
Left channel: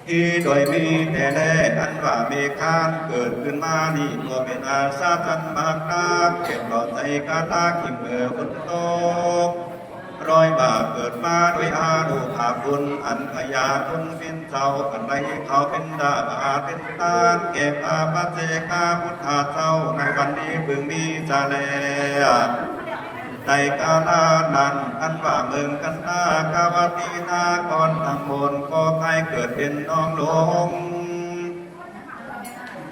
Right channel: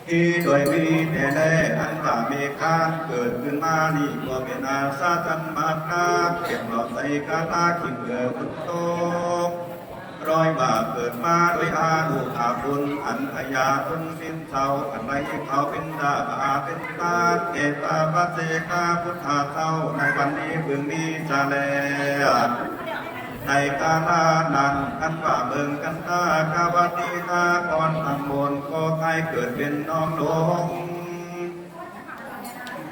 ที่โดยมีแต่แน่อันว่าเมฆาเกิดขึ้นมานี่ก็เป็นอาสาจันมากนาเก็บเราใจกาตาขิมเกิดฝนตกรอยบาปเกิดมาด้วยอาดุอาบุญอันพยาบุญเป็นเจ้าอันใดเขาเป็นดาอาเป็นตาเก็บอาปัจเจกาพุทธาเจ้าในวันนี้เพิ่งมีจะแลในกาลานั้นอันว่าเมืองกันตากาวตีนาก่อนทั้งมวลก็ให้เกิดเป็นน้องหลง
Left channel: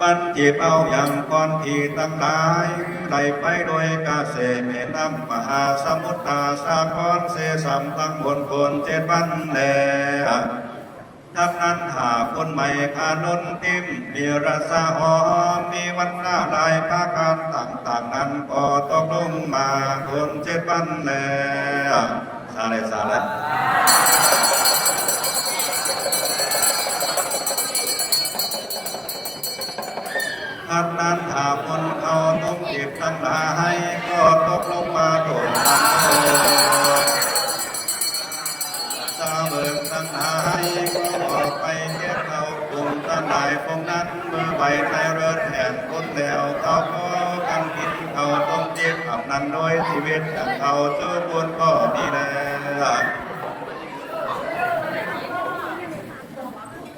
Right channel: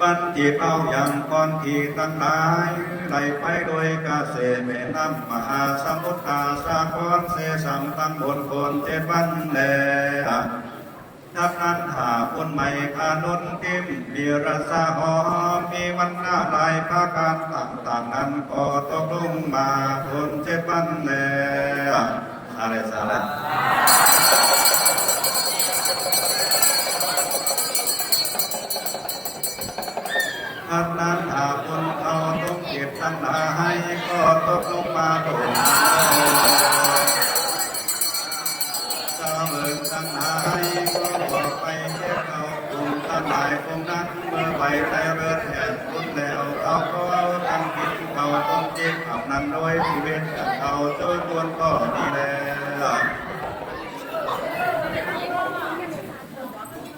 ปัญจิตเอาอย่างก่อนที่ตั้งหลายได้ไปโดยกาเสแม่น้ำมหาสมุทรสาครเสสัมตั้งบนคนเจ็ดวันแลทักนั้นหาคนใหม่ขาดนติมมีรสหอมมีวันหน้าลายภาการต่างๆนั้นก็ตกลงมาคนเจ็ดวันแลอะไรสาระทักนั้นหาคนเอาต้องเจ็บทั้งหลายก็ตกลงมาโดนสาวเลิกทั้งหลายก็ไปเก็บเอาคุณทั้งหลายพวกนั้นไปไทยเริดแห่งคุณแล้วเขาก็ตั้งคิดเขาต้องเจ็บเขานั้นโดยชีวิตของเขาเจอบุญก็ดีแล้ว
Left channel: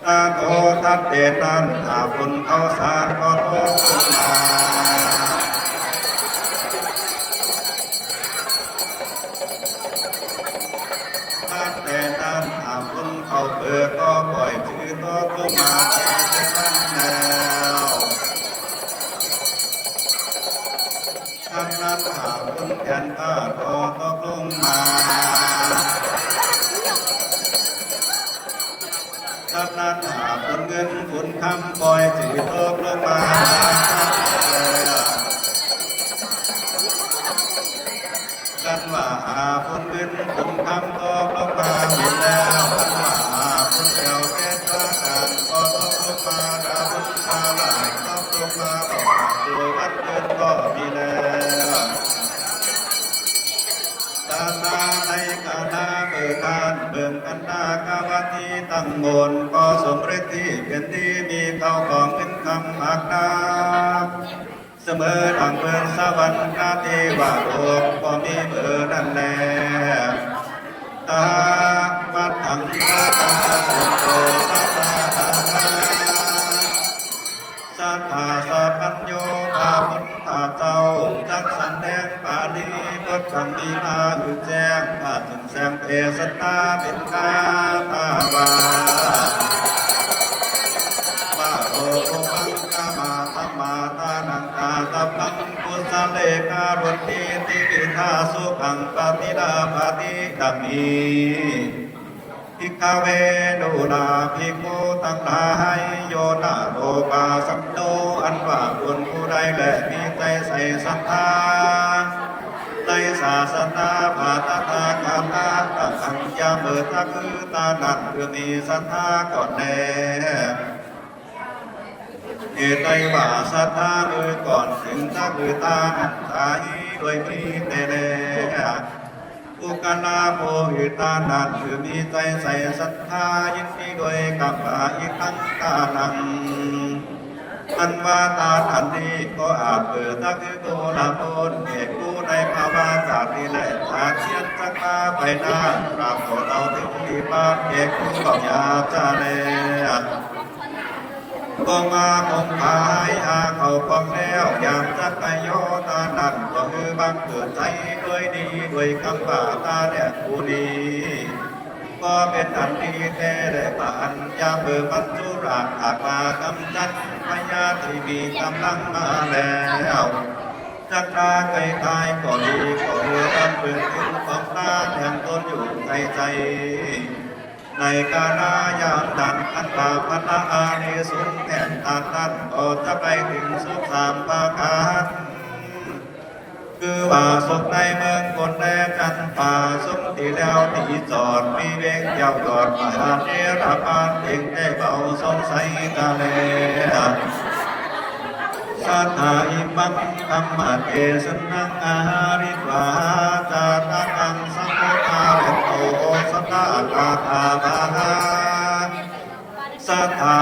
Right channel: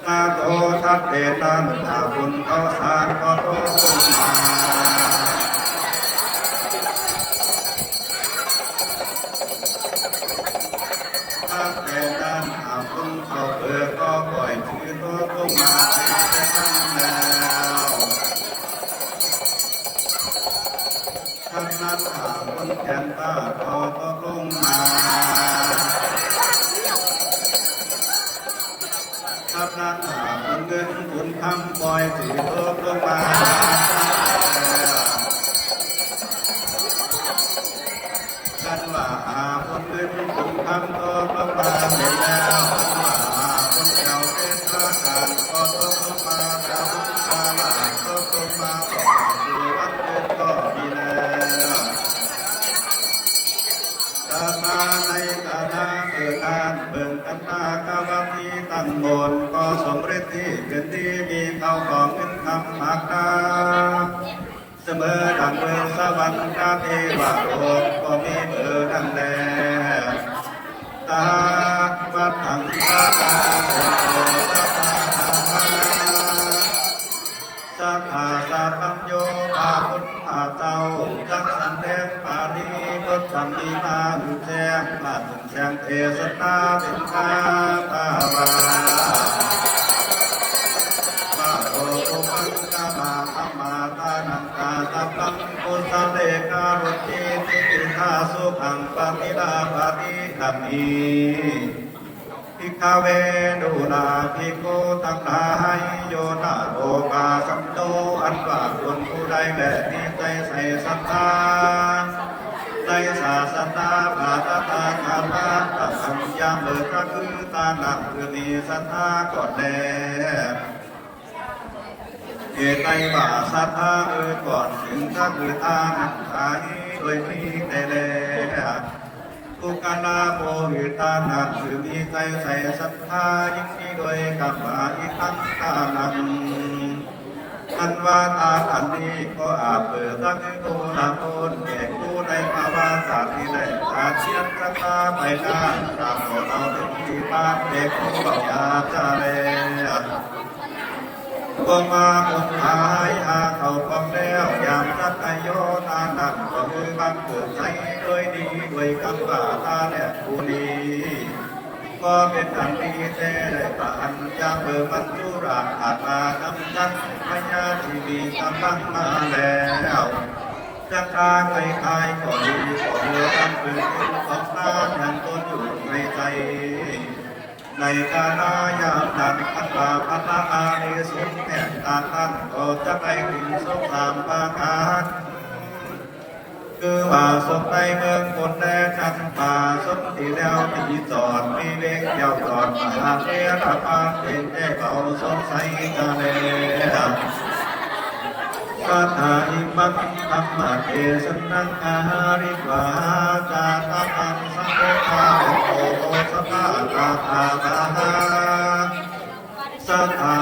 ตาโตทัดเดนันตาบุญเขาสารก็โตขึ้นมาทัดเดนันตาบุญเขาเกิดก็ปล่อยถือโตขึ้นมาเป็นตั้งแล้วทัดนับตาบุญแก่นตาโตก็ลงมาทัดนั้นหาคุณเงินคุณคำปล่อยถือโตลงมากันว่าหาคุณเงินคุณคำก็ลงมาไม่แล้วหาคุณเจ้าแก่ตากันก็ลงมาตาบุญตาหลานก็ลงมาก็ดูวัดเกินก็ดีแล้วตาตาในกาลาเกิดการเบิ่งกันตากาวตีตั้งมนก็สมฤทธิ์ที่เป็นที่มีข้าวของเงินคำหักนาเสมอดังเมืองสวรรค์นาเทวะโลกก็มีเบอร์ดันแลตาวัดถังตาตาสุโขตาตาสัพพะสัพพัญโยอาพุทธาเจ้าจักสันแดงปาลีบทคำดีมาหือแจ้งมาถึงแสงเทศนาเป็นกาตาวาตาโลภังกามาสัมมาตานังกาตะพังกุสเลการุติติปิทาสุขังปฏิลาภาติดังนี้ภิกขเวนุนาภิกขุทั้งหลายโยนาโลภาสัมโตอันว่าคนผู้ใดและมีใจใส่ศรัทธาใจศาสนาภาตตาคาตาตัดสัญญาเบิดตะคือตาหนักคือมีศรัทธาก่อนแน่เหตุใดว่าศรัทธาก่อนถึงตะคือตาหนักตายเลยมีแต่แน่อุกานาโมหิตานันคือมีใจใส่ศรัทธายินดีด้วยกับอาอิคังตานัง อันว่าตาอันนี้ก็อาจเปิดตั้งโตนาโตนเอกผู้ในภาวะศาสตร์ที่แหละตาเชียนจะพาไปได้ปราบของเราถึงที่บ้านเด็กผู้บอกยาจะแลก็มาคงหายอาเขาฟังแล้วอย่างจะไปโยตาดันก็คือบังเกิดใจด้วยดีด้วยคำว่าตาเนี่ยผู้ดีก็เป็นอันดีแท้ได้ผ่านยามเบื่อมันจุราขาดมากำจัดพญาที่มีกำลังมาแล้วจักราไกลไกลก็ดีก็เรือกันเปิดขึ้นของตาแห่งตนอยู่ในใจในกาลายามดันขันบาพัฒนาในสุนแห่งตาตั้งก็จะไปถึงสุขสามประการคือว่าสุขในเมืองคนแดนจันป่าสุขที่แล้วที่จอดมีเวกเยาวจอดมาเทระพานเองได้เบาสงสัยกันแล้วสัทธาอิมังธรรมะเทศนังอาหาริวาจาตังสังโฆทาโตสัทธาคาถาธาสัทธา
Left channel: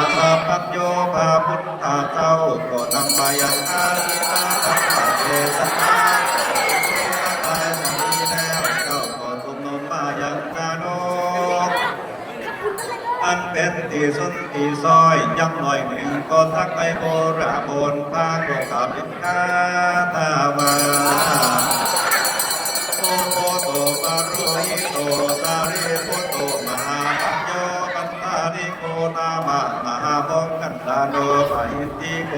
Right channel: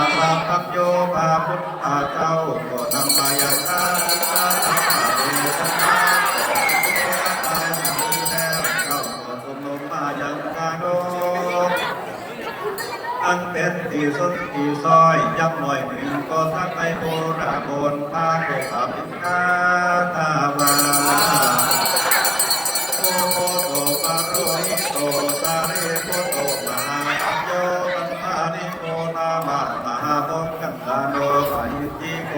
ปัญโยภาพุทธเจ้าก็นำมายังอาทิตาธรรมะเทศนาอันเป็นที่สุดที่ซอยยังหน่อยหนึ่งก็ทักไปโบราณโบนป้าเกี่ยวกับเป็นกาตาวาโตโตปะโรหิโตสาริโตโตมหาโยปันตานิโกนามามหาโมกันตาโนปะหิติโก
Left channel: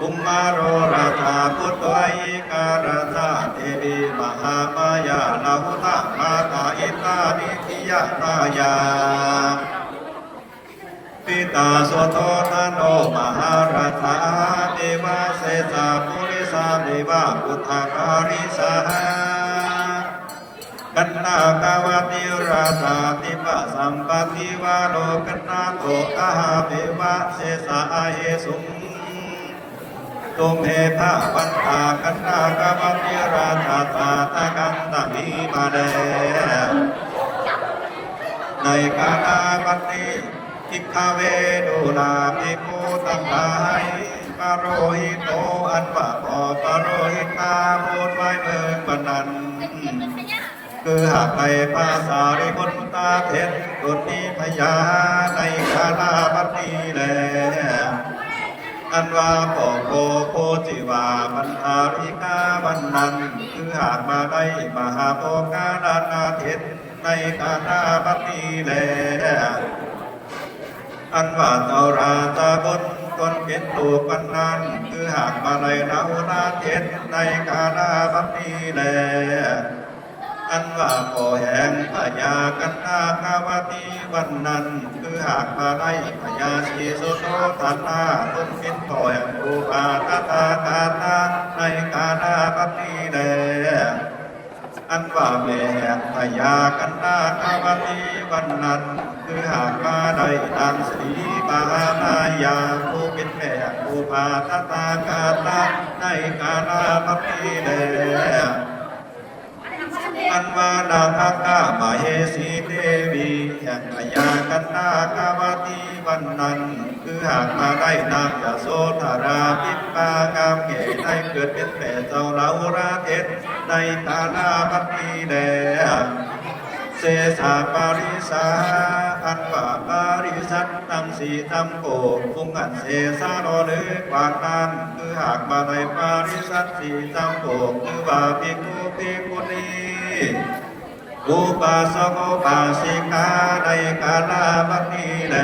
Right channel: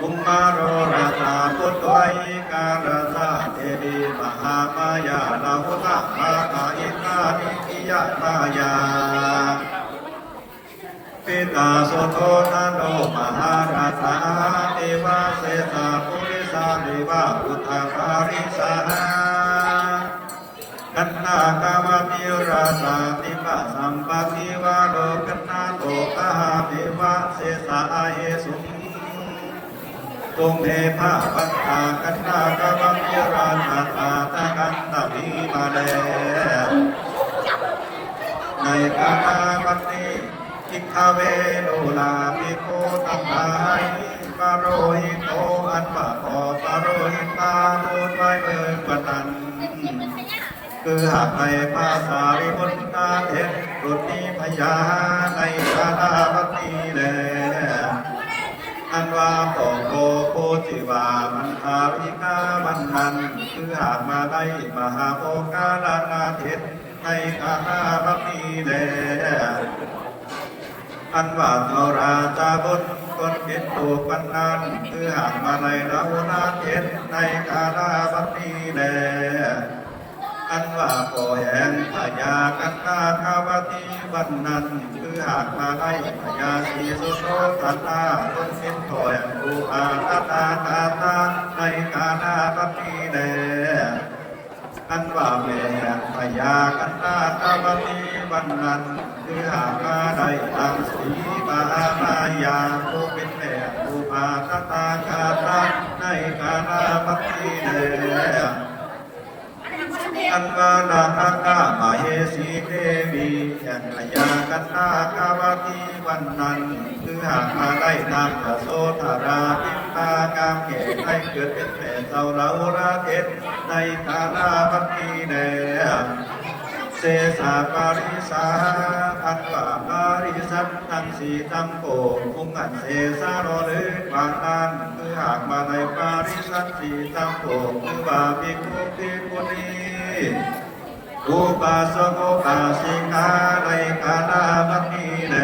อุมมาโรราชาพุทธวัยการาชาเทวีมหามายาลาหุตะมาตาอิตานิทิยานายาปิตาโสโทนะโนมหาราชาเทวาเสสาภูริสาเทวาพุทธการิสากันนากาวติราชาติปะสัมปติวาโลกันนาโตกะหาเทวาเสสาเอสุตุเมธาปันตากันนากาบัมเยราชาตาตะกันตะมีมาแลในกาลบัดนี้ทิกาเวโนลาภิกขุทั้งหลายปะโรหิโตอันว่าขอปะโรหิตาโพดไว้เมืองปนันคือหากในภาษาริพุทธาเทศบุตรมีพยาในกาลบัดนี้แลอันว่าโกโคจิวามันทาริกาวันนั้นคือหากมาได้มหาโภคาดานาเทศในกาลบัดนี้แลอันว่าเจ้าราชาบนคนเป็นผู้ปันนั้นคือหากมาในเรานาเทศในกาลบัดนี้แลอันว่าโกแห่งพญากันนาคาวตีวันนั้นคือหากมาได้พญาสีสุโสตันนาตุนเป็นพ่อแห่งอุปาตตาตาตาในกาลบัดนี้แลอันว่าแม่แห่งพญากันนาคาวตีวันนั้นคือหากมาได้ดังสีมหานายาผู้เป็นแม่อุปาตตาตาตาในกาลบัดนี้แลอันว่านาคกามเหสีเทวีแห่งพญากันนาคาวตีวันนั้นคือหากมาได้นามยโสธาราพิมปากามเกศได้เกิดเป็นแม่เจ้าเราราเทศในกาลบัดนี้แลเสสาปาริสาอันว่าปาริสัตตังสีตัมโกพุงอันเสสาโรหรือกว่านั้นคือหากมาในปาริสัตสีตัมโกคือว่าภิกขุภิกขุณีอุปาสกอุปาสิกาในกาลบัดนี้แล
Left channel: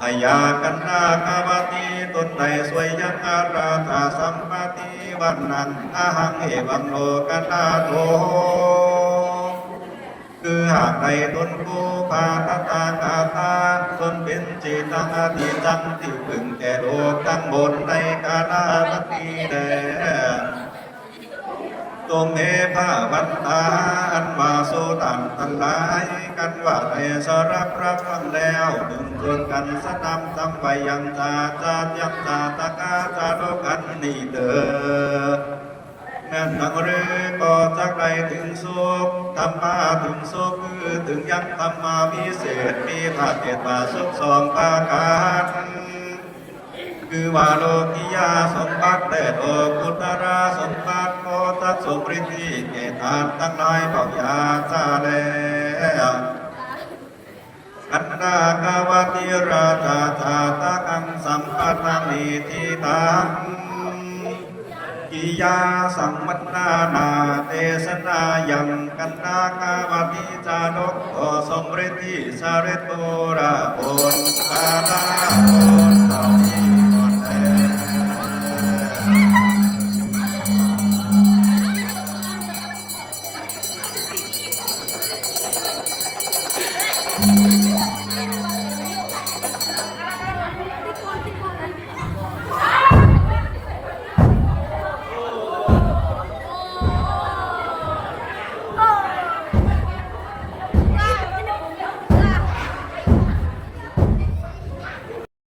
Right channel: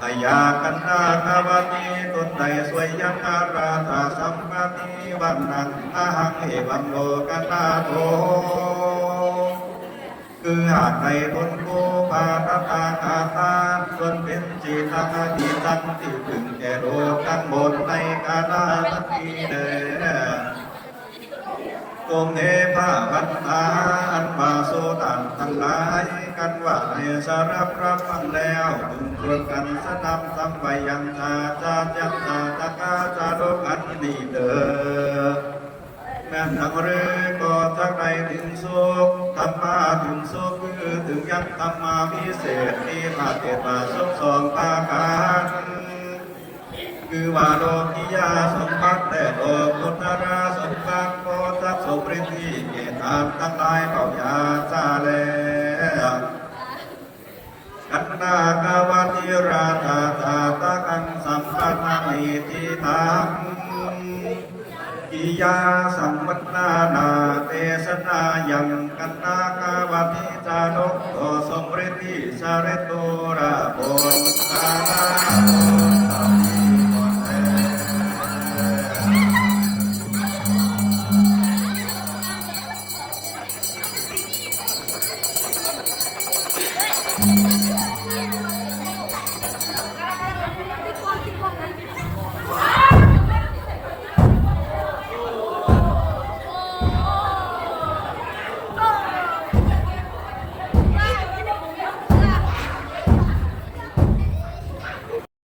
พยากันนาคาวตีตนในสวยยังอาราธาสัมปติวันนั้นอาหังเอวังโลกันนาโตคือหากในตนโกภาตตาคาตาตนเป็นจิตตาที่จังที่พึงแก่โลกทั้งหมดในกาลบัดนี้แลตุเมภาวันตาอันว่าโสตังทั้งหลายกันว่าในสารับรับฟังแล้วถึงเรื่องกันสนำทำไปยังตาจายักตาตะกาจาโลกันนี่เด้อแม นั่นนักเรก็จะไปถึงสุขธรรมะถึงสุขคือถึงยังธรรมาพิเศษมีพระเทศสุขสองประการคือว่าโลกิยาสมบัติแต่โลกุตระสมบัติโพธิสุปริธิเกตามทั้งหลายก็อยากจะแล้วอันดากาวติราชาชาตะกังสัมปัตติทิตังกิยาสัมวัตนานาเตสนายังกันนากาวติจานุโอสมฤทธิสาริตุระโภอาตา